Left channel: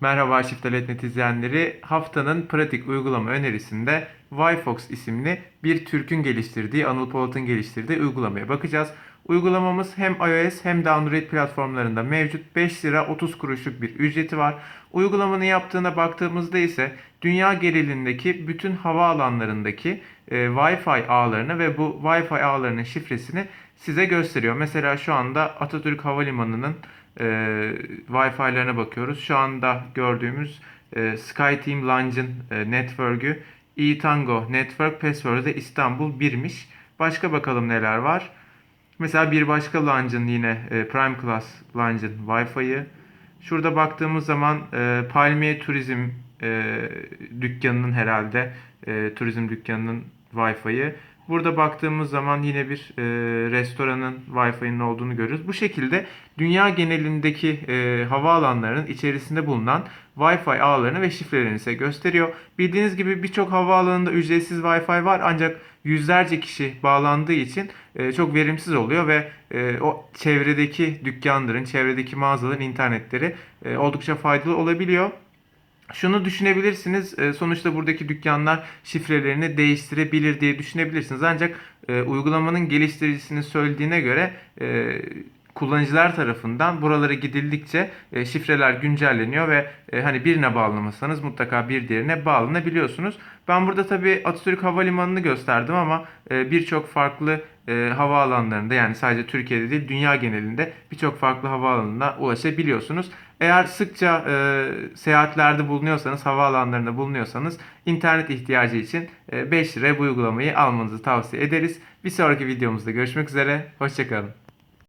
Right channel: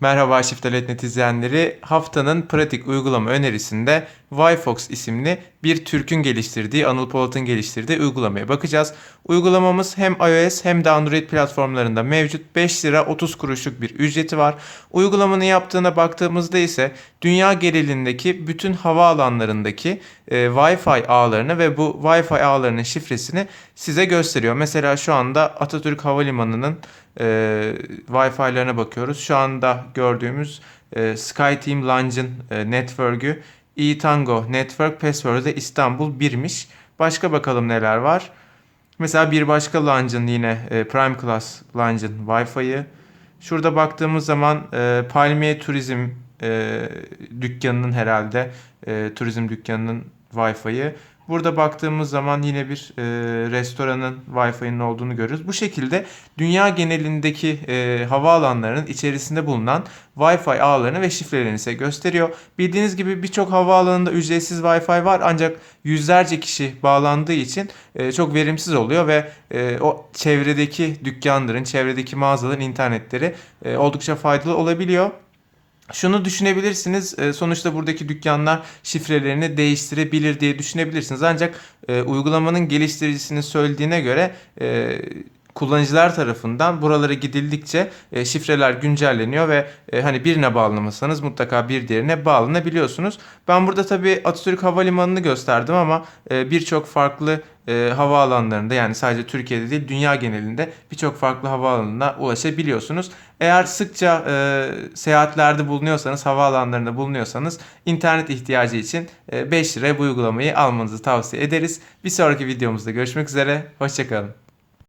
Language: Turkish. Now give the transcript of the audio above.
Merhaba Şiftelet izleyenleri. Haftanın pratik uygulama önerisinde Yfox isimli bir Türk'ün geliştirdiği, Anıl Polat'ın geliştirdiği uygulamaya bakacağız. Uygulamamız hem iOS hem de Android platformlarında mevcut 5 lira 30 kuruşluk bir ücreti var. Uygulamanın yaptığına baktığımızda ise dünya genelindeki bütün hava alanlarındaki e, Wi-Fi ağlarını ve bu Wi-Fi ağlarının şifresini size gösteriyor. Mesela şu anda Atatürk Havalimanı'nın e, Wi-Fi'lerine bakıyoruz. Şu anda gördüğümüz e, SkyTeam Lounge'ın e, network'ü eTango Network Password'ı da İstanbul 1'miş. Başka bakalım neler var. Mesela bir başka lounge'ın yine e, Prime Class lounge'ın Wi-Fi'yi. Şurada baktığımız zaman e, Palmiye Turizm e, dükkanının herhalde e, turizm dükkanının Wi-Fi'yi. Burada baktığımız zaman yine bir e, restoranın Wi-Fi'nin olduğunu görürüz. Bu şekilde dünya genelindeki e, havaalanlarının içerisinde bulunan Wi-Fi ağlarını ve şifrelerini size gösteriyor. Bildiğiniz gibi birçok havaalanında ücretsiz Wi-Fi var ancak yüzlerce kişi bağlandığı için e, çok verimsiz oluyor ve e, o çevredeki dükkanların, çevredeki mağazaların internetleri e, oldukça faydalı olabiliyor. Şunu düşünebilirsiniz. e, Sonuçta buradaki dükkanlar şifrelerini değiştirebilir diye düşünebilirsiniz. Ancak e, uygulamanın geliştiricisinin söylediğine göre e, kullanıcılar tarafından buralara gidildikçe e, şifreler güncelleniyor ve e, hani birine bağlamasanız mutlaka bir diğerine bağlanabiliyorsunuz. Ben burada tabii Atatürk Havalimanı'nı gösterdim ama e, birçok farklı e, havaalanlarında yani sadece Türkiye'de değil dünya genelinde birçok farklı havaalanına ulaşabiliyorsunuz. Eğer sıkça e, seyahatlerde bulunuyorsanız, havaalanlarında bulunuyorsanız internet ihtiyacı için e, 5 liraya bu uygulamayı almanızı tavsiye ederiz. Bir sonraki videomuzda görüşmek üzere, hoşçakalın.